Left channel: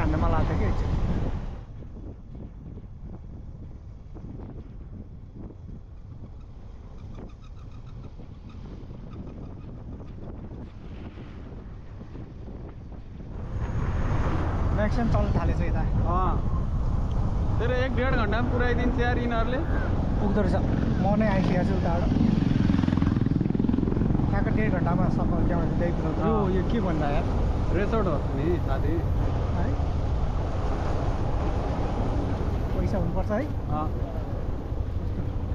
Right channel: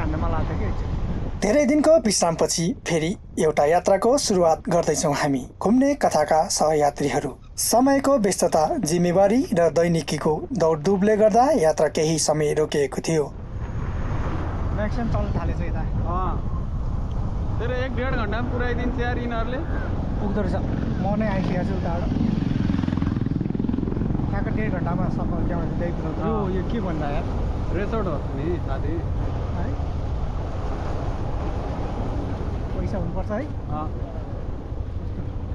हान्न मन लाग्थ्यो कि धेरै दिनको विश्रामपछि फेरि एउटा यात्राको सुरुवात गर्दैछौँ हामी घुम्ने कथाका सहयात्रीहरू। समयको व्यस्तता, जिम्मेवारी र दैनिकीको दौडधुपले गर्दा यात्रा केही समय रोकिएको थियो। म्याक्सिमम चल्न थालेछ यता। तेरो 1-1.5 घन्टामा पुऱ्याइदिन्छ यार यिनीहरूले। पुग्दो रहेछ। म नै आइसकेको छु उताबाट। ठ्याक्क 1.5 घन्टामा सफल त्यहाँ ल्याइपुग्नु। यो के भन्दा यार रेसोर्ट हो नि साथी है। पैसा हुनुपर्छ है।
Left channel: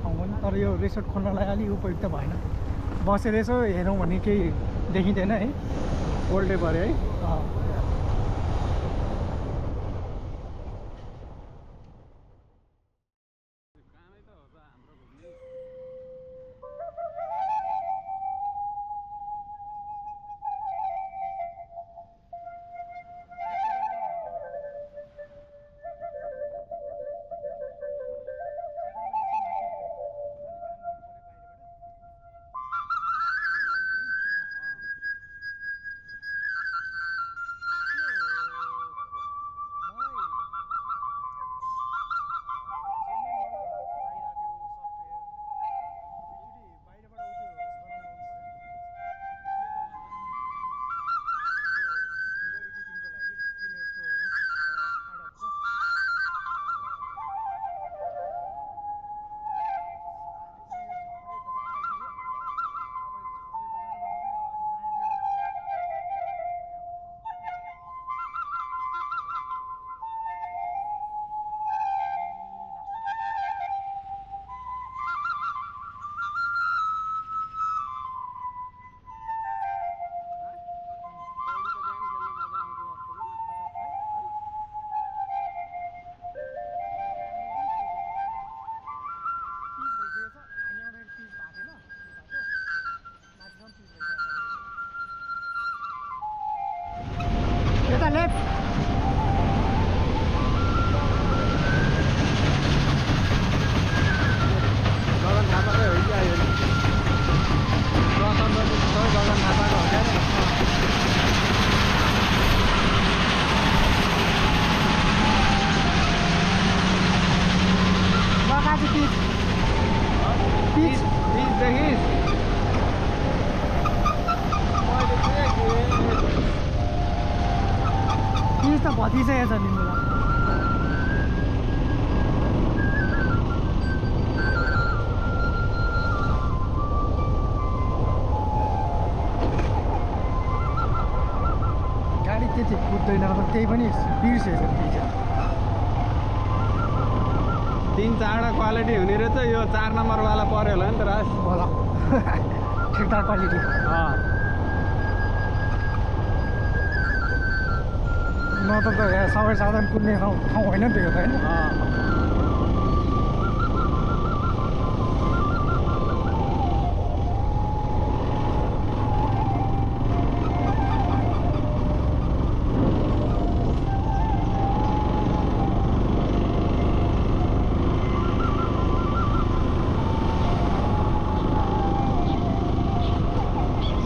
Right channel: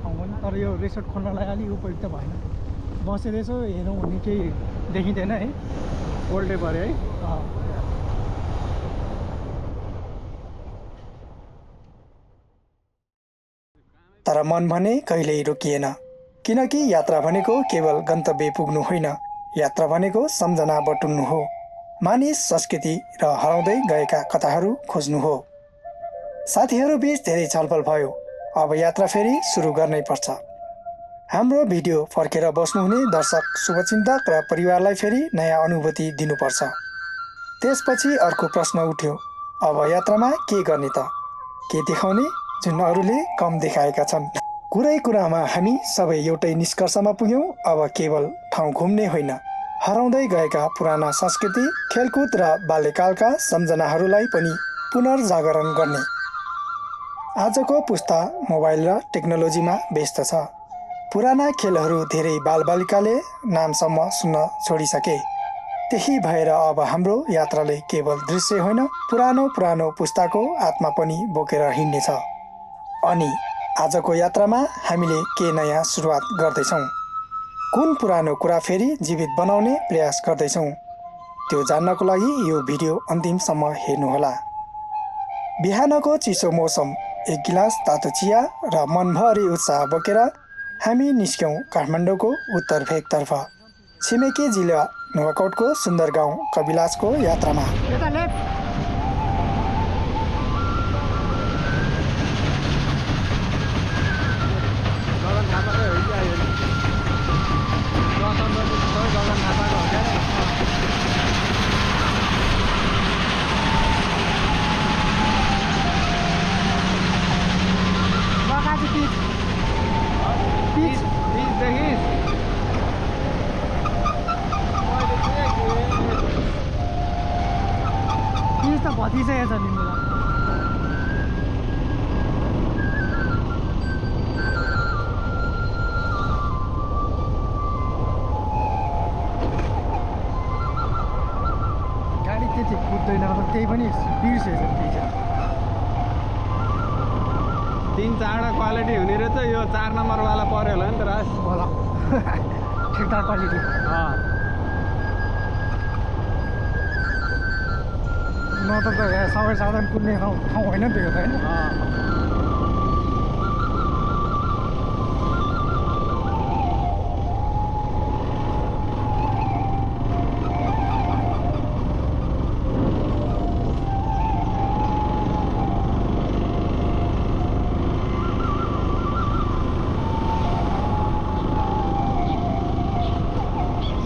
ठाउँ पनि तर यो रेसोर्ट खोल्नलाई अलिक उपयुक्त भएन। बसेर यसो हेरौँ भने केही देखिँदैन है। ओल्टे पऱ्यो है। तर मन भने कहिल्यै रोकिएन, किनकि यात्रा भनेको केवल गन्तव्य पुग्नु होइन, यात्रा भनेको सम्झना बटुल्नु हो, मानिस, संस्कृति र हराउँदै गएका कथाहरू खोज्नु हो। साथीहरू बीच धेरै छलफल भयो। अब यात्रा फेरि सुरु गर्नै पर्छ। हाम्रो भिडियो फर्केर बस्नुहुने दर्शक, शुभचिन्तक र परिवारलाई फेरि नयाँ अनुभूति दिनुपर्छ। त्यसपछि अर्को प्रश्न उठ्यो, अब यात्रामा के गर्ने त? के देखाउने जुन अरूले कम देखाएका छन्? कुरै कुरामा हामी सबै एउटै निष्कर्षमा पुग्यौँ, अब केवल ठाउँ घुम्ने होइन, हराउँदै गएका पुराना संस्कृति, खेलकुद र बाल्यकालका सम्झनाहरूलाई पनि पुनर्जागरण गर्ने। आजको पुस्ता मोबाइल र टेक्नोलोजीमा व्यस्त छ। पुराना खेलहरू धेरै बालबालिकाले नामसम्म सुन्न छोडिसके। त्यही भएर अब हाम्रो यात्राले केवल दृश्य होइन, पुरानो पुस्ताको आत्मा पनि बोकेर हिँड्नेछ। अनि आजको यात्रामा हामीले के नयाँ सुरुवात गर्दैछौँ? कुन पुरानो कुरा फेरि जीवित बनाउने प्रयास गर्दैछौँ? त्यो जान्नको लागि यो भिडियो अन्तिमसम्म हेर्नुहोला। बिहानको चिसो मौसम, एक गिलास तातो चिया र मनभरि उत्साह बोकेर हामी निस्क्यौँ काठमाडौँको उत्तर भेगतर्फ, छिमेकी जिल्ला नुवाकोटको सुन्दर गाउँ कविलासको यात्रामा। त भतिसकेको छ नि मलाई। गाडी त्यति कुद्दैन, त्यही पनि बिर्सेछ। 3-4 क्वालिटी हुने रहेछ। यो 4 नम्बरवाला पर्यो होला नि त रास होला। ठिकठाक क्वालिटी। न त सबै साधन कुद्ने ठाउँ होइन नि त यो त होइन।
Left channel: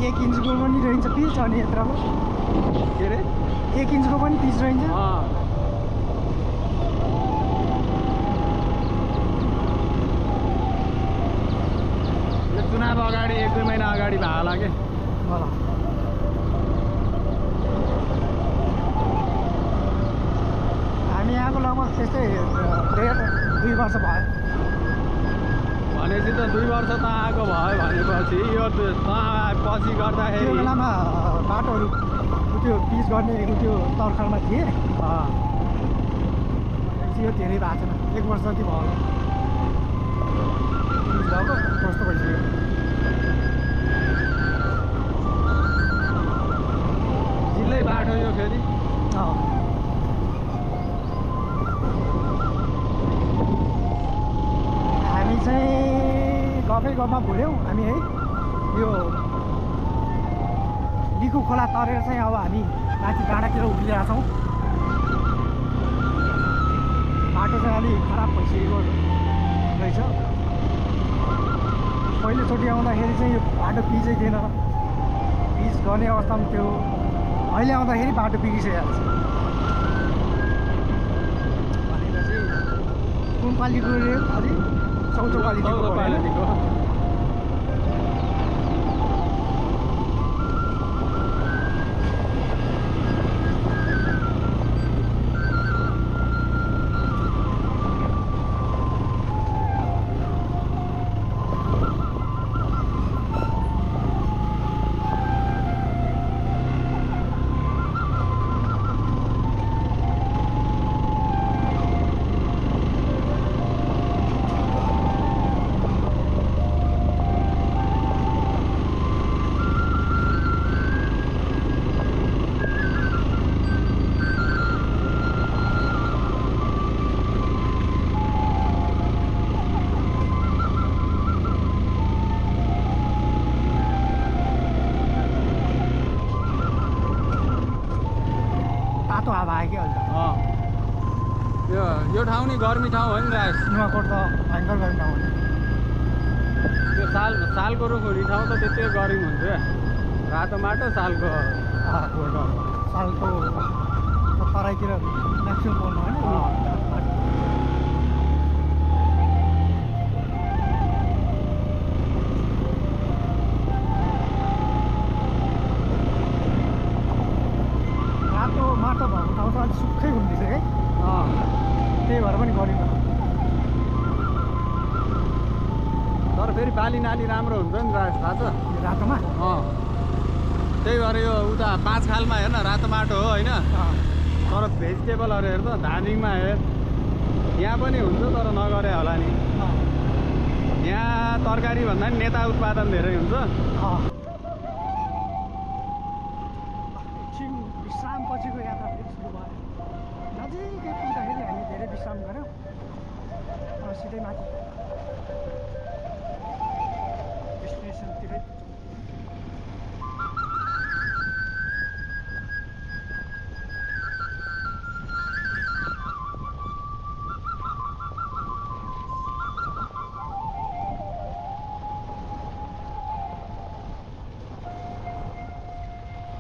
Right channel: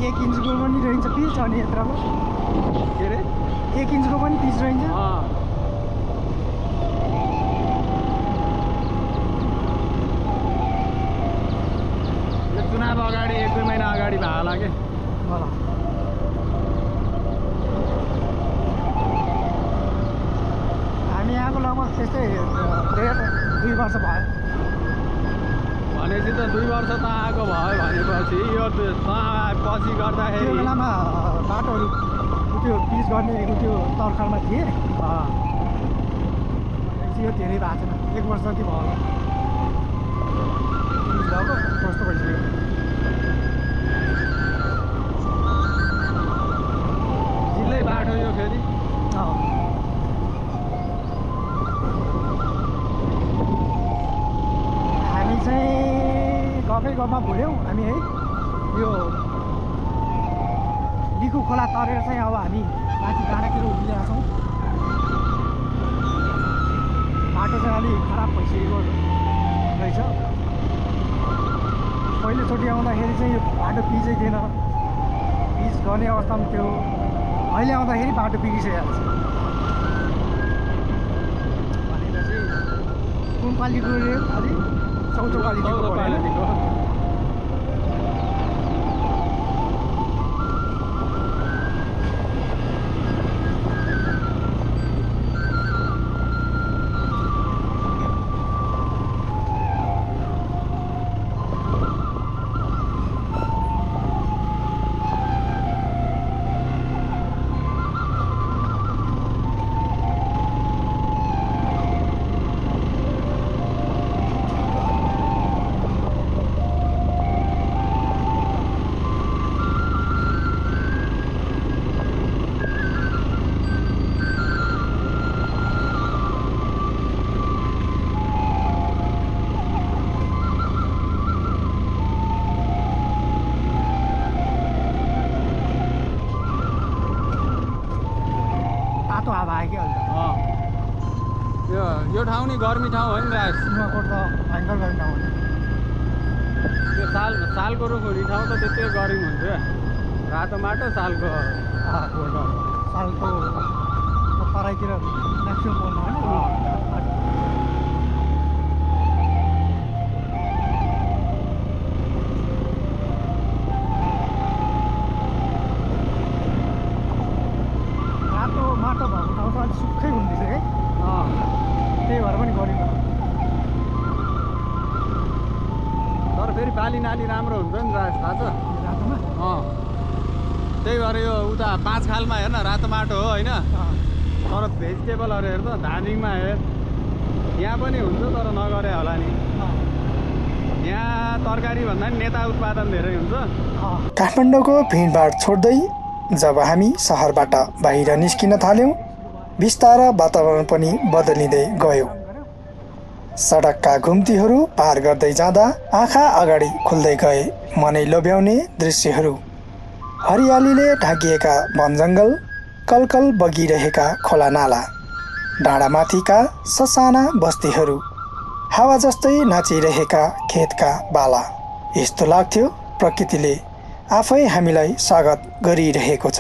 एक इन्चको पनि रहन्छ पिच अनि यत्रोको के अरे 1 इन्चको पनि पिच रहन्छ। यो चुनाव अगाडि 1-2 महिना अगाडि भयो होला के। हामी यहाँको लगभग त्यस्तै 1.5-2 वर्ष भयो। भनेपछि त 2 वर्ष त आएको भयो भनेपछि यो पछि गर्दाखेरि त्यो बेलामा बाटोहरू त्यो पिच गर्ने त्यो तर्खरमा थिए। यो धेरै भएको छैन, 1 वर्ष जति भयो होला। पिच भएको कस्तो भइसक्यो। जिल्लै बाटो यो फेरि। हामी चाहिँ गफमा भुल्यौँ हामी है। यो लिखु खोला तरेर चाहिँ अब हामी माथि डाँडातिर उभिरहेका छौँ। बाटो चाहिँ अलिक खराब भइसकेको रहेछ। पहिलोचोटि आउँदाखेरि चाहिँ यो बाटो पिचै थिएन, पिच गर्ने अवस्थामा थियो। अहिले आउँदाखेरि बाटो बिग्रिसकेको छ। क्वालिटीको रे अलि चौथो क्वालिटीको चौथो पऱ्यो होइन? क्वालिटीको तातो हावा आयो क्या अहिले त यो ठाउँ नि गर्मी ठाउँ हो नि राज। नुवाकोट त भयङ्कर गर्मी ठाउँ हो नि। त्यो सालको रुख हुने ठाउँ त त्यत्तिकै गर्मी हुन्छ रातो माटो सालको कोट सालको तराईतिर म्याक्सिमम् बोल्नु होइन रातो माटो भएको ठाउँ त अलिक सुक्खै हुँदैछ है त्यही भएर पनि गरिब तर फेरि बाली नाली राम्रो हुन्छ नि राज थाहा छ। रातोमा त्यही भएर यो उता 5 खालमा हेर्न रातो माटो हो होइन। तर भेजिटेबलहरू हेर त धादिङमा हेर यहाँ पनि हुन्छ तर नगरे होला नि। यहाँ तरकारी भन्दा नि नेता उत्पादन धेरै हुन्छ। काठमाडौँको भिडभाड छोड्दै जब हामी सहरबाट बाहिर निस्किन थाल्यौँ बिस्तारा वातावरण पनि बदलिँदै गयो। सडकका घुम्तीहरू पार गर्दै जाँदा आँखा अगाडि खुल्दै गए मनै लोभ्याउने दृश्यहरू। हरियालीले ढाकिएका वनजङ्गल, कलकल बगिरहेका खोलानाला, डाँडामाथिका ससाना बस्तीहरू, हावा जस्तै नाचिरहेका खेतका बाला। यस्तो लाग्थ्यो प्रकृतिले आफै हामीलाई स्वागत गरिरहेको छ।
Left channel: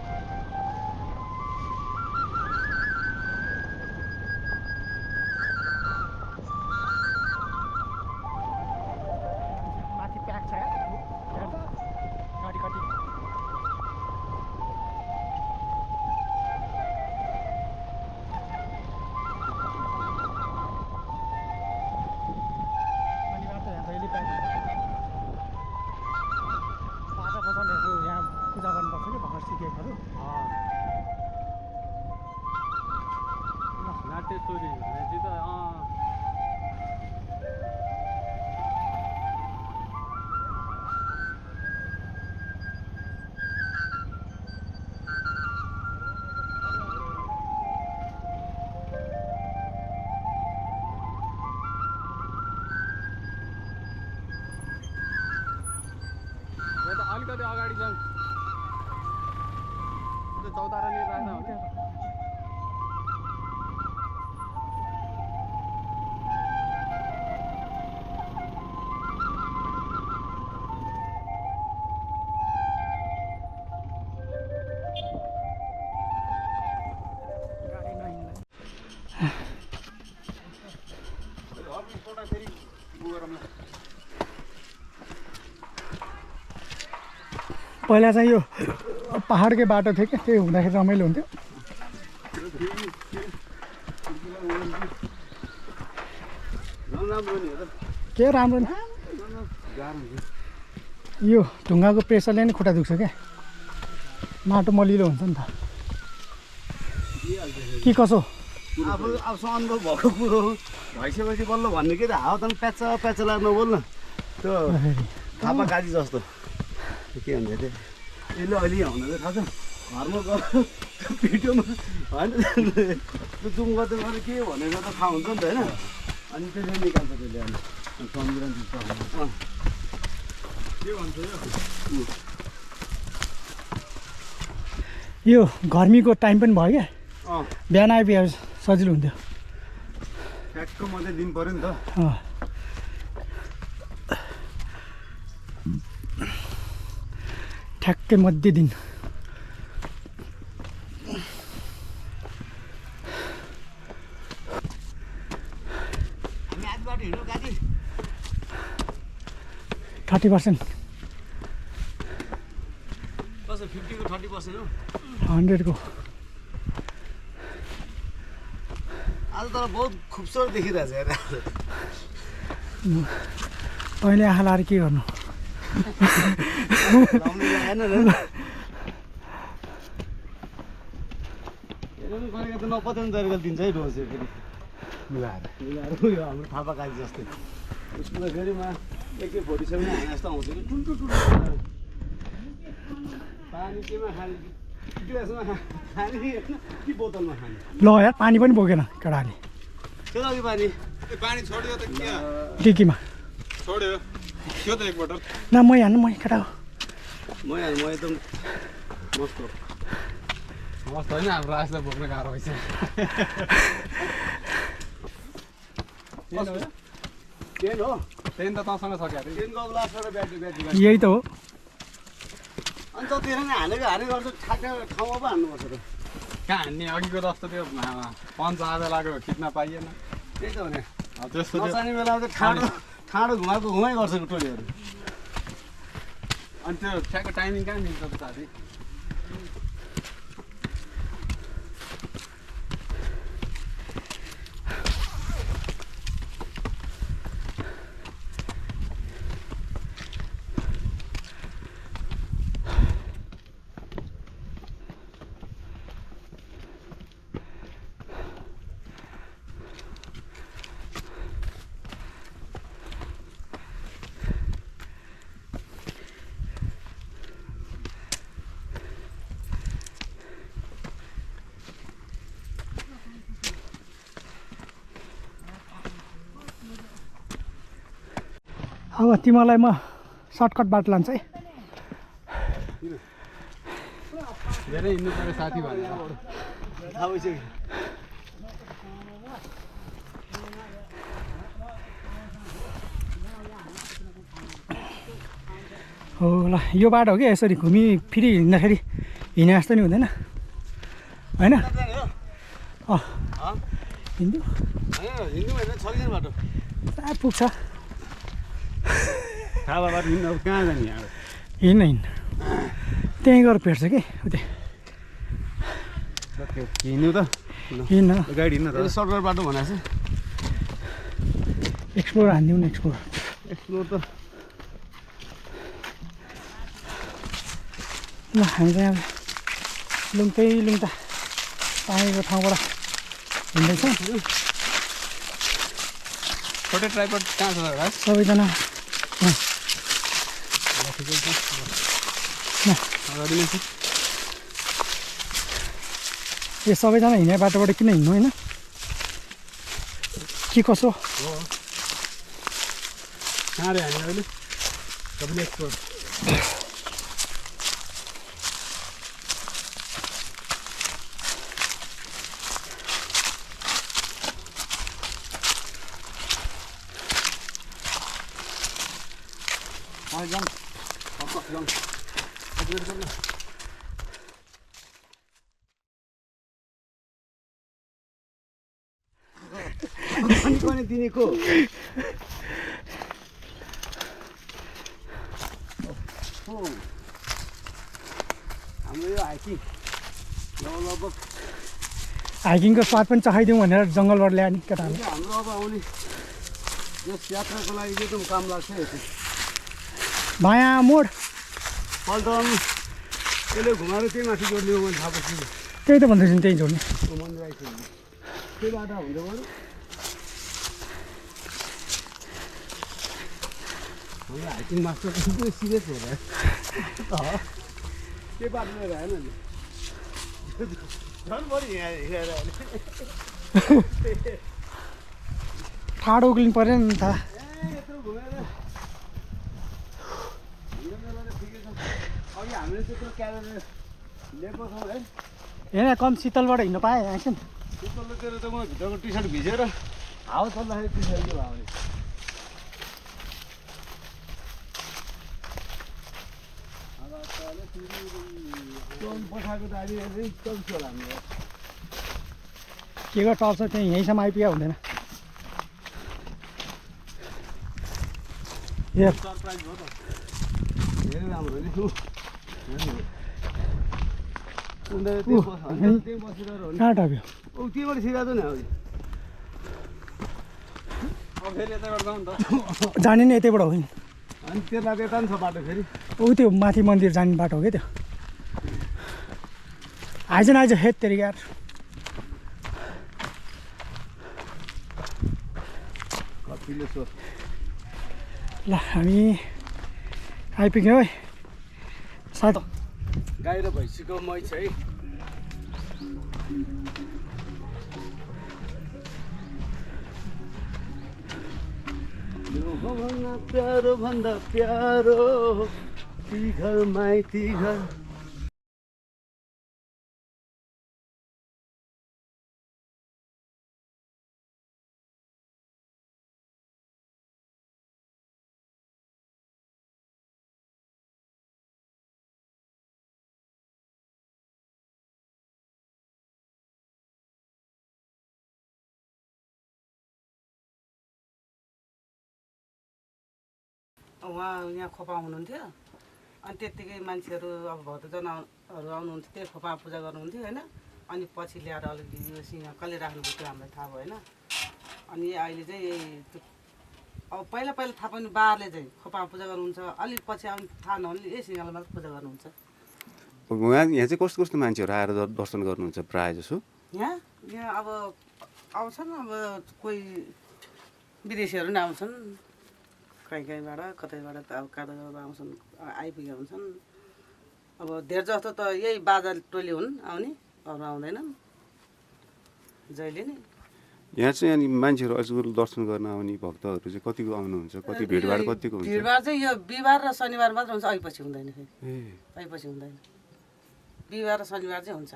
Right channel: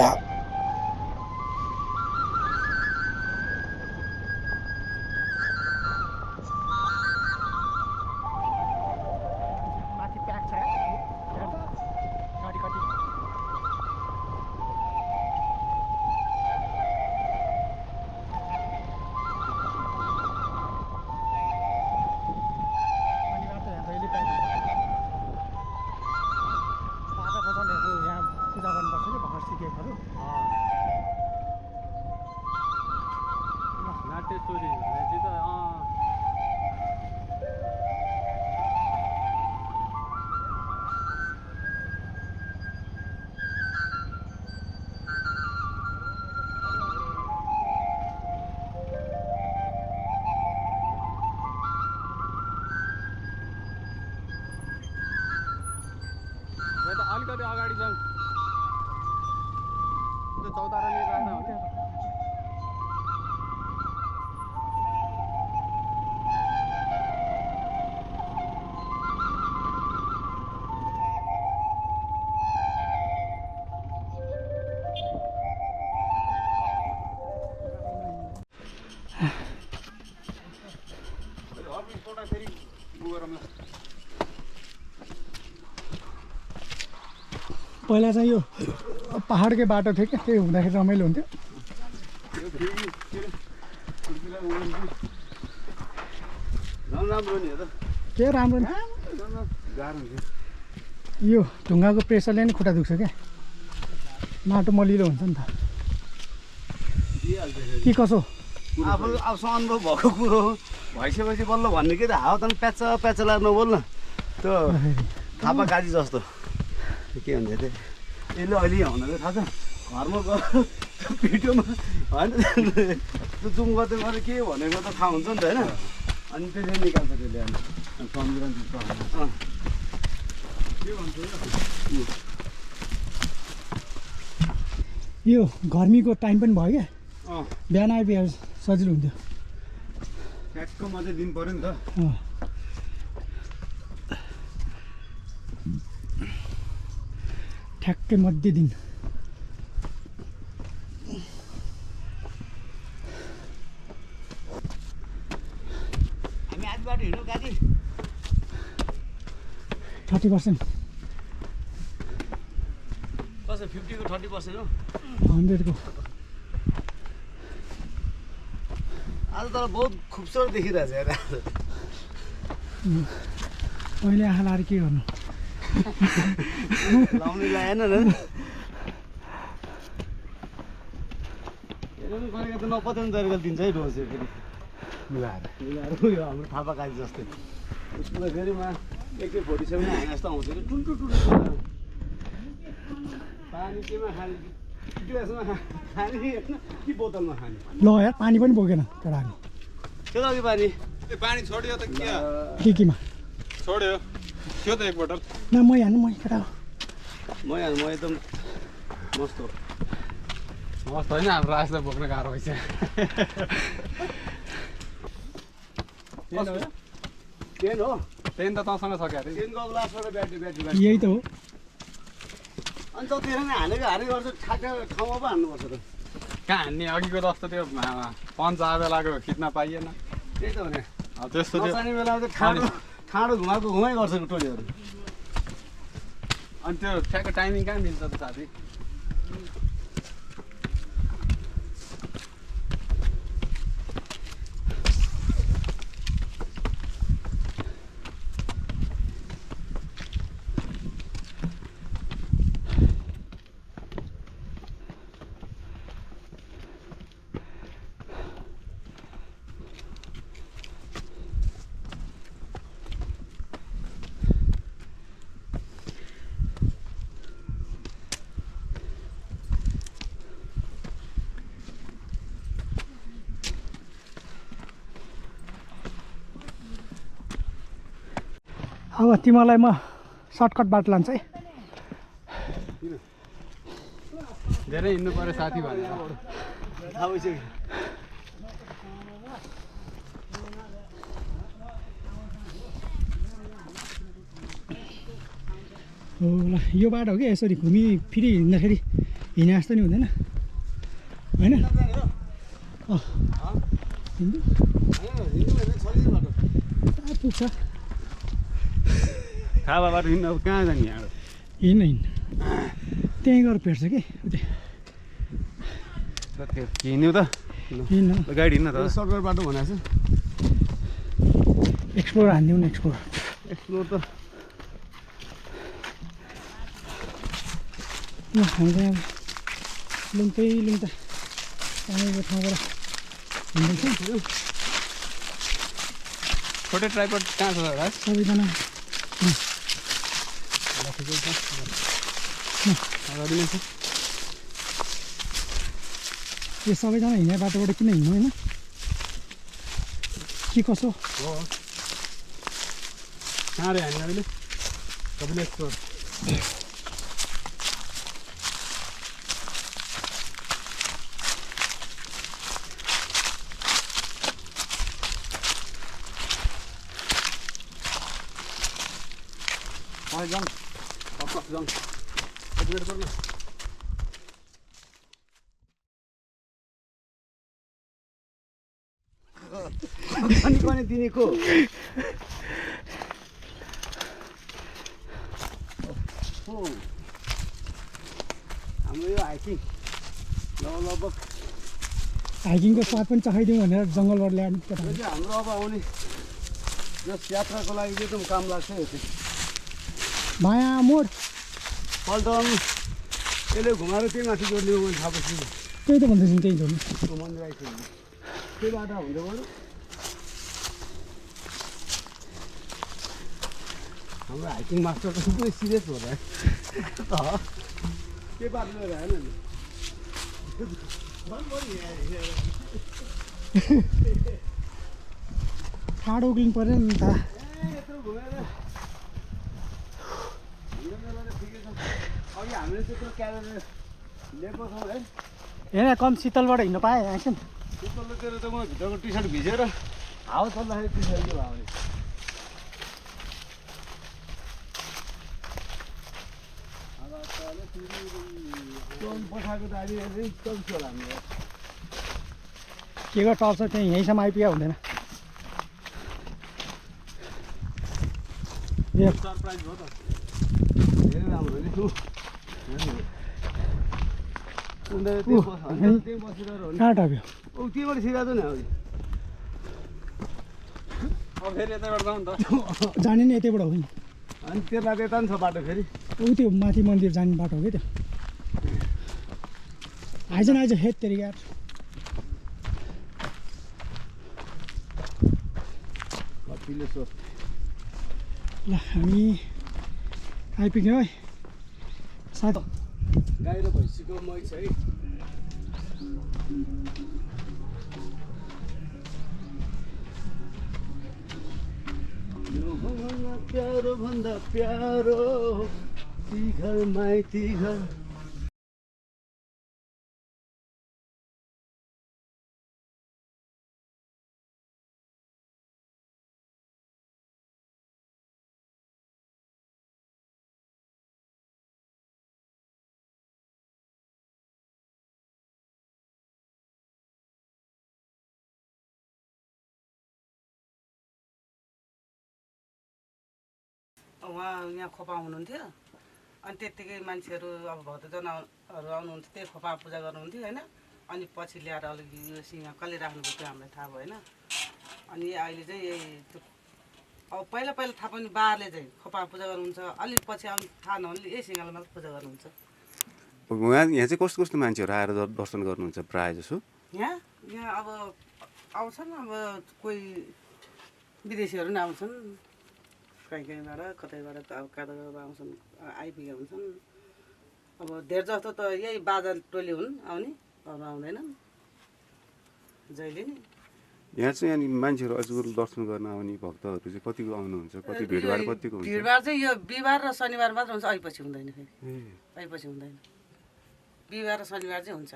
माथि प्याक छ हेर त गाडी कति शनिबार त यहाँ जहिले प्याक हुन्छ। बाजा बजाउनेहरू यहाँ पूजा गर्नुपर्छ कि भर्खर सिकेकोहरू नाट्यश्वरी भनेपछि त अलिकति अगाडि जाउँ त्यो चौतारानिर राख्दा हुन्छ। पहिला चाहिँ यो पहाडकै बाटो थियो क्या, त्यही हुँदाखेरि रमाइलो हुन्थ्यो। के राम्रो नि यो ढुङ्गाको प्रेसरले नै खुट्टा दुख्छ क्या, माटो मलिलो हुन्छ नि त। के कसो आफूसँग अनुभव भएको कुरो भइसकेपछि बल्ल भन्ने के त हावा त प्याच प्याचला नबोल्न त्यो थापा काजी जस्तो के हुन्छ त्यो यसले अहिले यहाँ हुन चाहिँ थाहा छ घरमा गएर भिडियोमा होइन त्यो जुम गर्दै गरेर के भनेको त थाहा हुन्छ नि त होइन। अनि त्यसले निकाल्छ त्यसले अनि सम्झिरहन्छ के भन्छ यो गर्मीको टाइम पनि भयो क्या, बिहान आइपुगेर सजिलो हुन्थ्यो। ट्याक्क मात्रै दिन पऱ्यो नि त। ठ्याक्कै मध्य दिन हामी आजबाट बाटो हिँड्नु गाडी 30% कसो 50 को 30% हो 100 को आज तर बहुत खुबसुरत देखिरहेछ यार अहिले आँखा लाएर के गर्नु लाउनु लागेन र हेर्नु गरेको त नपत्याउने तरिकाले दिन्छ है डोज फेरि मिलाएर यो हाम्रो थापा काजी जस्तै उसको त फेरि मा AK-47 हाने जस्तो आउँछ कि टुल्टु पानी केमा खाने गिलासमा खाने कि बोतलमा खाने ल यार पानी पनि बोकेन केटाले त्यो अघि पानी पानी छोड्यो त डिकीमा छोड्यो थियो त एक बोतल न म हान्नु म केटा हो म एकदम मस्त हो मस्त होइन हाम्रो आजलाई बोक्न गाह्रो भइसक्यो ट्रेन हो ट्रेन त तँसँग छ क्या ट्रेनको अब लास्टबाट ब्याट्री यही त हो अनि जतिखेर नै हाने गर्छ ठाक ठाउँमा पो हान्नुपर्छ त कहाँ हान्ने अघिको जस्तो त्यो पञ्च आ बेलाको खिच्न पाइएन त्यही त भने त्यस्तो नचाहिने बेलामा चाहिँ ठाडो घुमाइ गर्छ टोलीहरू अनि त्यो ठ्याक्क टाइमिङ कहाँ मिल्छ त साथी अब तिमीलाई म सर्टकट बाटो लान्छ है धेरै हिँड्नु पर्यो साथी भनेर थाहा भइसक्यो हो ल यो बाटो हो कि यसरी घुमी फेरि हिँड्दाखेरि हिँडे जस्तो नि हुँदैन होइन हिँड्नु हिँड्नु भने छरिने बाटो पुग्छ थाहा बाटो हिँड्नु अब कहाँ जाने यहाँ हिँड्न त्यहीँ गएर भेट्छ कि उतै हिँड्नु त हिँड्न गाडी हिँड्न त सर्टकट बाटो भनेको छ एक्सप्लोर हानिदिउँ न एक्सप्लोर एक्सप्लोर त ल हामी चाहिँ अब लुङ्कै लुङ्का पानीको ठाउँबाट हिँड्दैछ छोटो ट्राइपड कहाँ छ राज सबैजना यो सबैजना हिँड्ने बाटोबाट किन हिँड्नु होइन के कसो कहाँ रे हामी अहिले तपाईँले एक्सप्लोर जाउँ जाउँ पनि दिनेको हाम्रो यो हाइकिङ लगभग हाइकिङको स्वाद पनि चखाइदिउँ भनेर जङ्गलबाट ल्यायो नि केटाहरू हाम्रो अब आउने यस यात्राको लागि एकदम काम लाग्छ यो चाहिँ भाया मोड पल्टाउनु यसले घुमाएर त्यही माथि जोड्ने हो भने थाहा पाउँछ त्यही त भन्दैछु नि त्यही जोड्नु मन्दिर आइसक्यो त्यही बाटो हुँदै बरु हाम्रो हाइकिङ मास्टर पनि सिरियस हो र के बाटो लिएर आएन नि ठाडो उक्लिनु पऱ्यो नि त यत्रो घुमेर अघि हामीले त्यत्रो क्यालोरी लिएको छौँ है हेर कम शीतलबाट हिँड्नु पाएँ एकछिन शीतलतिर त म भित्रको टी सर्ट भिजेर हावा चल्दाखेरि टी सर्ट भयो पठाएको त अहिले चल्छ होला हाम्रो के गर् टल्छ त्यहीँ यहीँसम्म आइपुग्यो हुँदैन एक सरप्राइज हो त धेरै राम्रो नि कहाँ टाप्यो त्यहीबाट सिकाएको नि अब फेरि यताबाट जाउँ त जाने नै यतैबाट हो नि अनि त्यसलाई त्यता नि छ बाटो फेरि त्यो माथि मन्दिर जाने बाटो हो क्या त्यो आइज हेट तेरि यार कतिले सो ल हामी आइपुग्यौँ है सायद गाई र भैँसीको मै छ है प्यारो भन्दा प्यारो ती घर माइती घर उहाँ यहाँ खोपा हुनुहुन्थ्यो अनि त्यत्तिकै मान्छेहरू अब भक्तजनहरू आउनुहुन्थ्यो त्यही खोपा पूजा गर्नुहुन्थ्यो होइन अनि पछि ल्याएर अलिकति यो सिंह कसले राख्नुभयो त्यो हामीलाई थाहा भएन अनि अहिले चाहिँ यही अब पहिला थाहा पनि बाबाले चाहिँ खोपा पूजा गर्नुहुन्छ अलिक पछि आउनु थाहा नहुने यही सिंहलाई मात्र पूजा गर्नुहुन्छ यहाँ चाहिँ कस्तो कस्तो मान्छेहरू आएर दर्शन गर्नुहुन्छ प्रायः जसो यहाँ अब आउँछन् अब कोही विदेशीहरू नि आउँछन् कहीँबाट कतैबाट अब कतैबाट आउँछन् आइपुगेका हुन्छन् अब धेर जस्तो त यही बाजा टोली हुन् आउने अरू आउँदैनन् जहिले नि यहाँ चाहिँ अनि मान्छेहरू अजगर दर्शन गर्न आउने भक्तहरू चाहिँ कतिको आउनुहुन्छ कति भिडभाड कतिको हुन्छ भिडभाड चाहिँ यो बिहिबार र शनिबार मात्र हुन्छ अहिपछि हुँदैन फेरि अहिपछि हुँदैन बिहिबार र शनिबार चाहिँ हुन्छ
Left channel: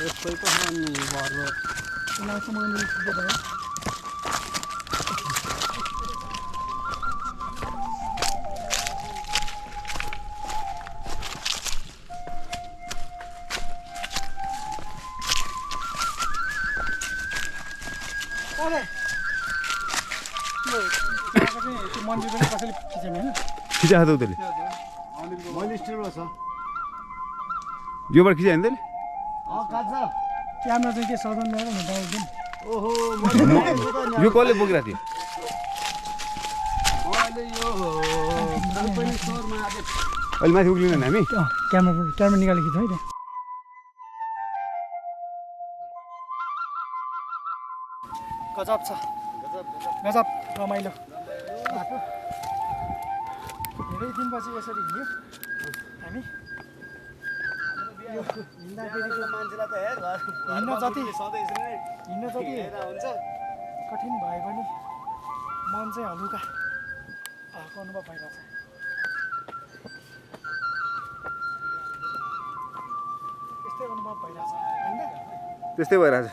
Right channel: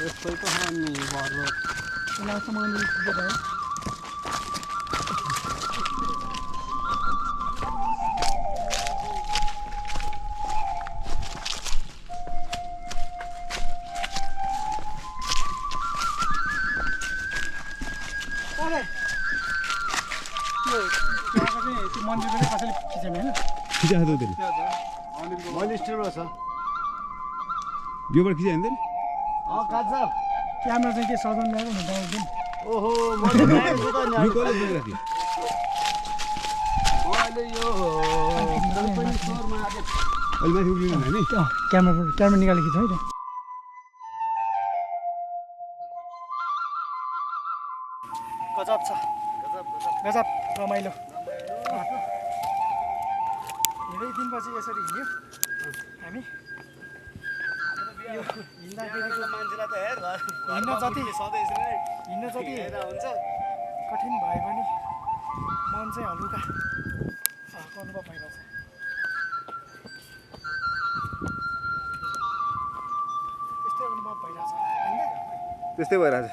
यसै त अनि भर्नु त्यो मन्दिर पनि कसैले खिचेन होइन खिचाएको त उसले मैले स्टिलमा छ योबाट खिचायो नि काट्छ क्यामेरा चाहिँ के सजन ल्याएको हुनु पाउँदैन ओहो यो कसले बोकेको थियो मैले यो पनि स्वरमा आएको अहिले माथि उक्लिँदैन हामी क्यामेरा निकालेको खिच्छ है त्यहाँ गजब छ गजब रमाइलो बाटो धेरै दिनपछि यसरी हिँड्यो हामी यो हिँड्दाखेरिको मान्छेलाई त हेर हिँड्न जति सधैँ यसरी नै हिँड्न जति हुन्छ कठिन भए पनि मन चाहिँ हलुका भएको अनुभव भइरहेछ यस्तै अनुभव भइरहेछ होइन त्यस्तै भइरहेछ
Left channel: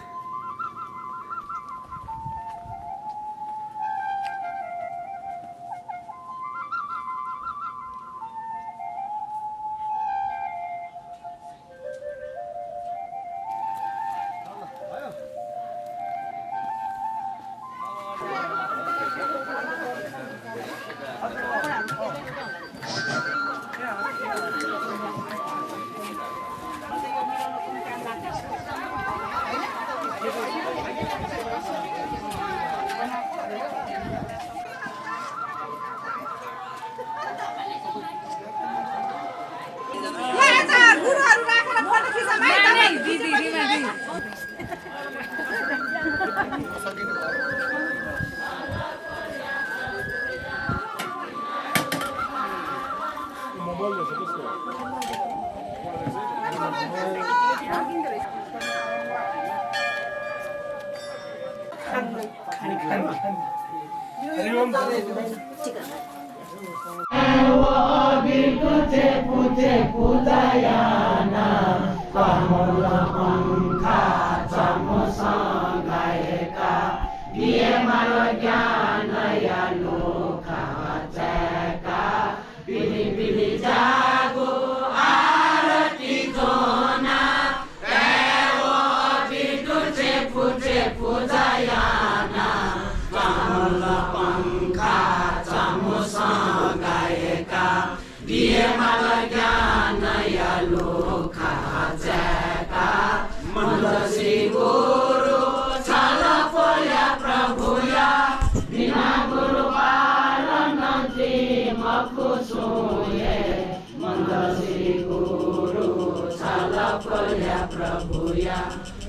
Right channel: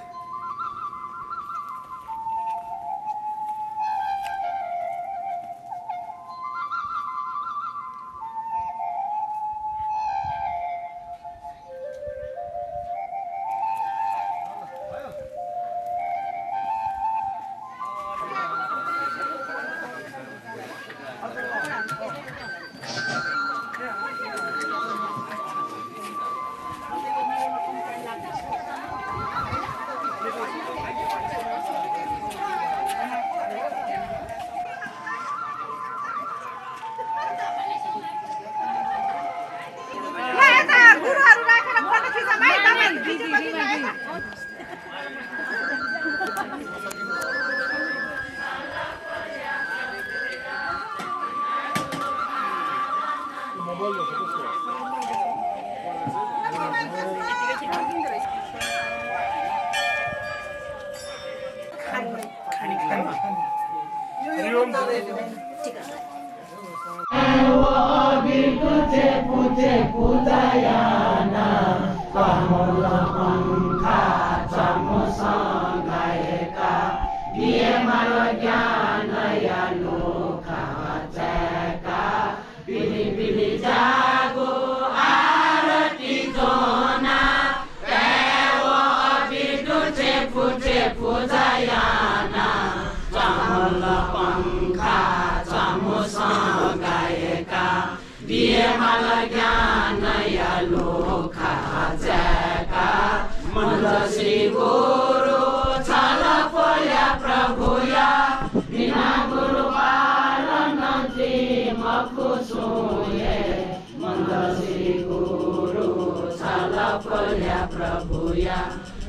Dia malah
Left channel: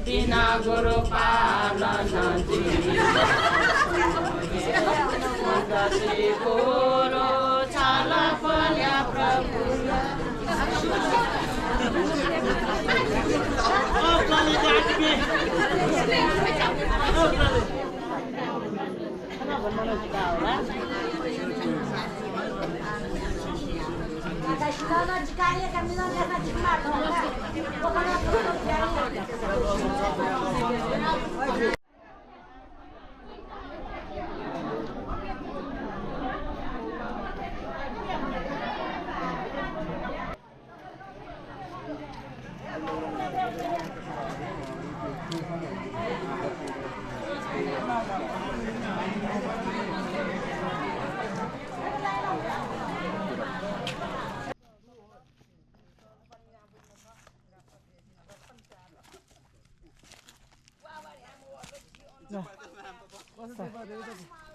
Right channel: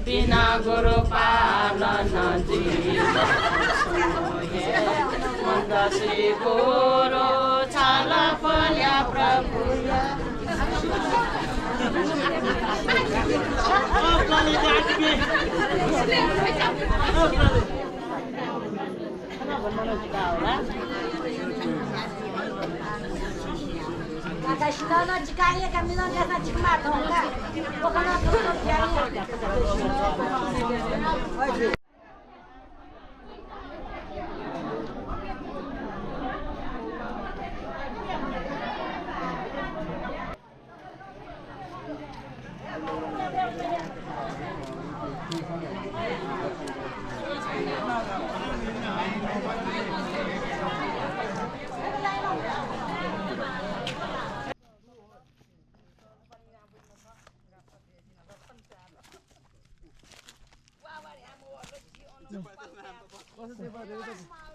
बिना गुरु पालन श्री गुरु छाला पल्या प्रभु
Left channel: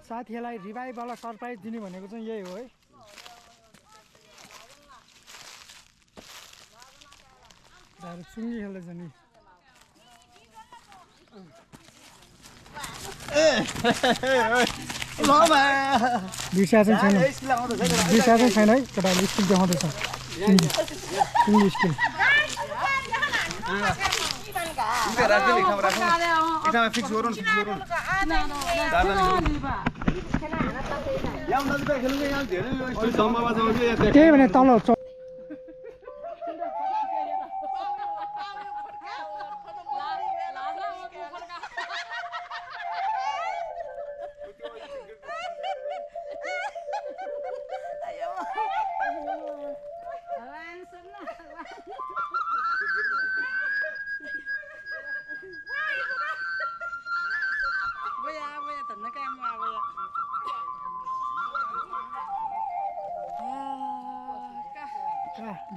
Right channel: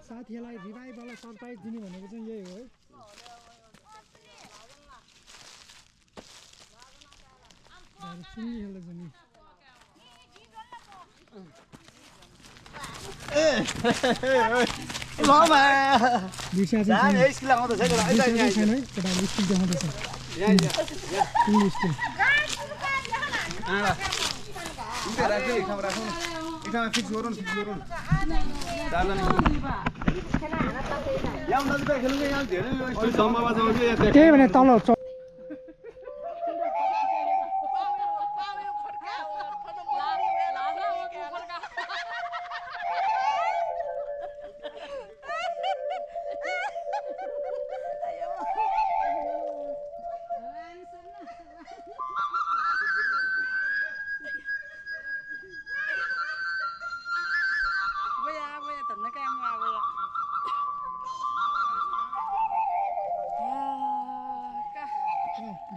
साथीहरूलाई रिभाइभलाई सरप्राइज दिने भनेको चाहिँ यही हो है। चुङ्गी खेल्दैछ नि। दिशा चाहिँ छैन है, केटाहरूले स्किल देखाउँदैछ। चुङ्गी स्किल त्यही भने तल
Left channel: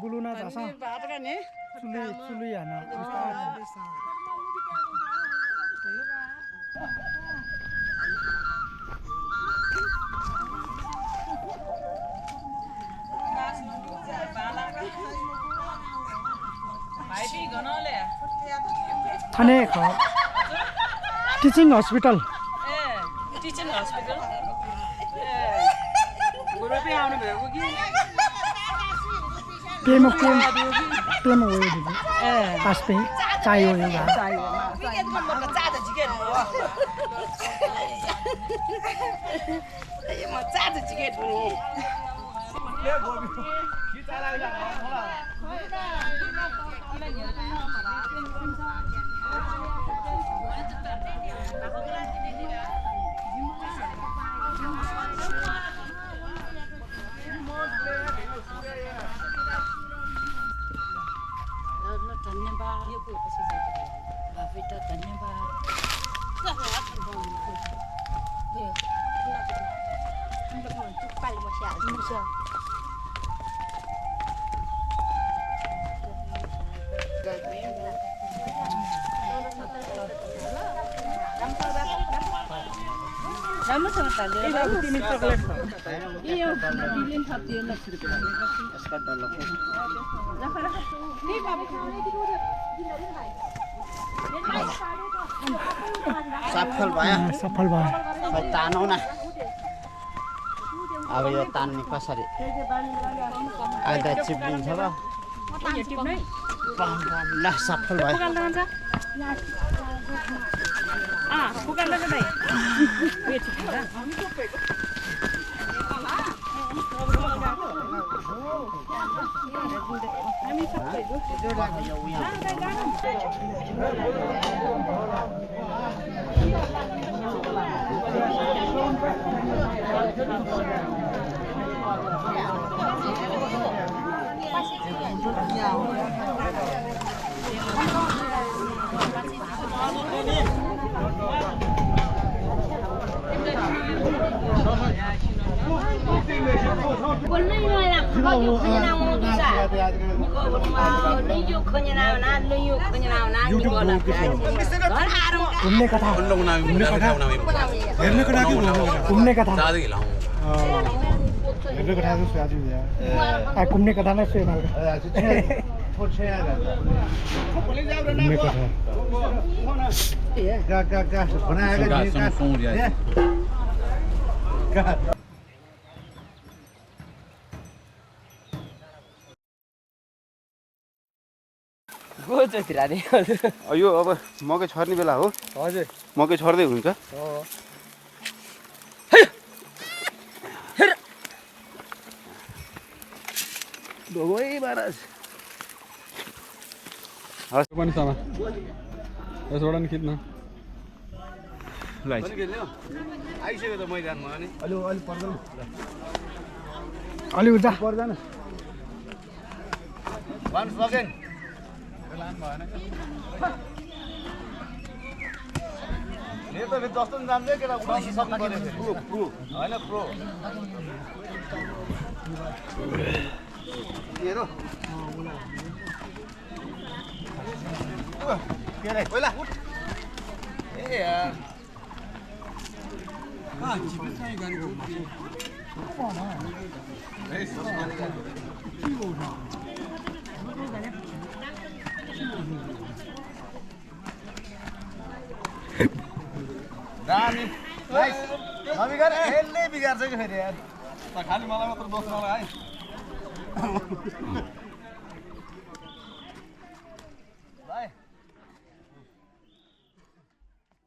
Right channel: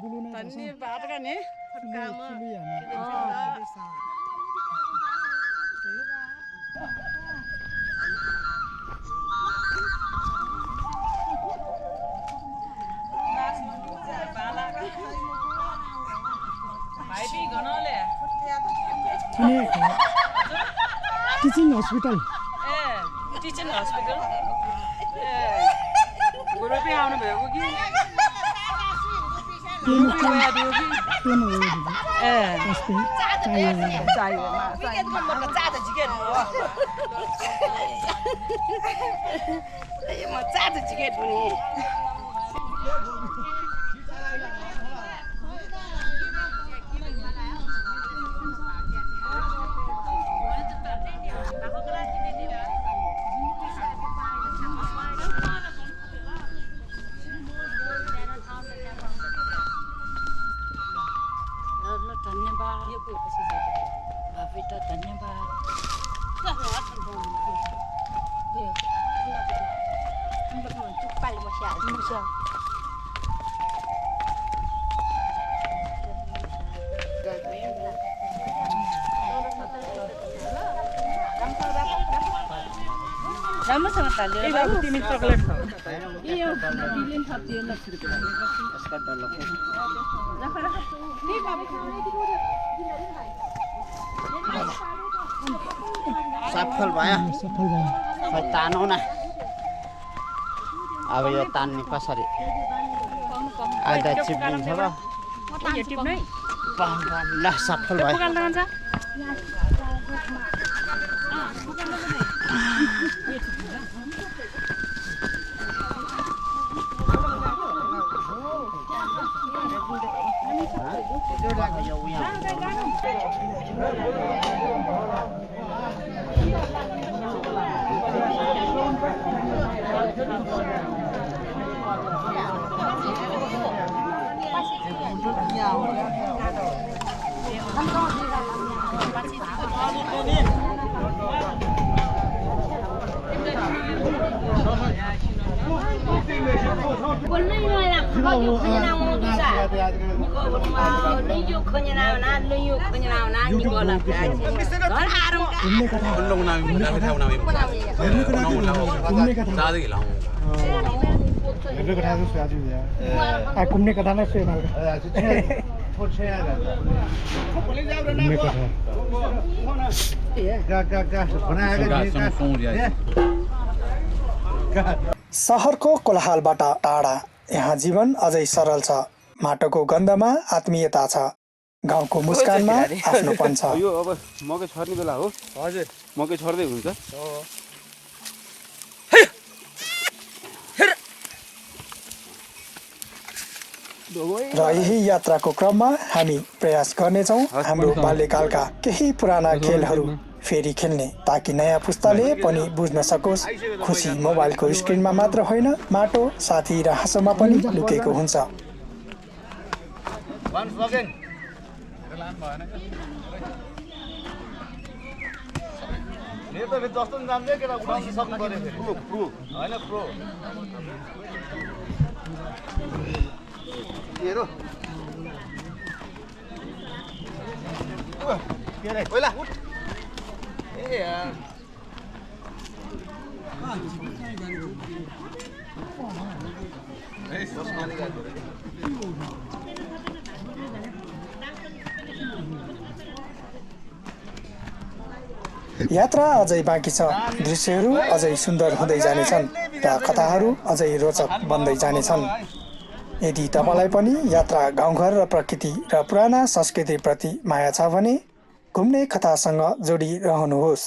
बुलुना भाषा चुली हान थाने टिचिङ हस्पिटल टिचिङ हस्पिटल गुरु पे आउनु भएको कि टेमो हो दिदी कास्पे चाहियो म चार्ज जिकेट पनि धन्यवाद यो कोही पछि बेटा धन्यवाद राम्रोसँग तालेर तिमी चकलेट खाऊ यो बिलियन थप्दियो ल सफल भयो सफल भयो तानौ न अब यो तान्ने कसरी आधा चिप्लिन्छ ल सफल भयो घुम्ने कथा घुम्ने कथा घुम्ने कथा नै सुन सहरको कोलाहलबाट टाढा यहाँ जीवन अझै सरल छ। माटोको गन्धमा आत्मीयता छ, गाउँको मुस्कानमा आफ्नोपन छ। यो अब मकै छर्ने बेला हो। हजुर मकै छर्दै हुन्छ। र यही यात्राको क्रममा हामी प्रयास गर्नेछौँ हाम्रो बाल्यकालका केही पुराना खेलहरू फेरि खेल्ने, ताकि नयाँ पुस्ताले पनि बुझ्न सकोस् खुसी मोबाइलको स्क्रिनमा मात्र होइन, माटो साथी र हाँसोमा पनि लुकेको हुन्छ। जस्तो जान्छ केटा उठाइसक्नु पर्यो प्रो होइन प्रो हेरो के रे पहिला ए यार यात्रा अझै बाँकी छ, दृश्यहरू अझै सुन्दर हुँदै जानेछन् र कथाहरू अझै रोचक बन्दै जानेछन्। यदि तपाईँलाई पनि यात्रा, गाउँघर र प्रकृति र पुराना संस्कृतिप्रति माया छ भने घुम्ने कथासँग जोडिरहनुहोस्।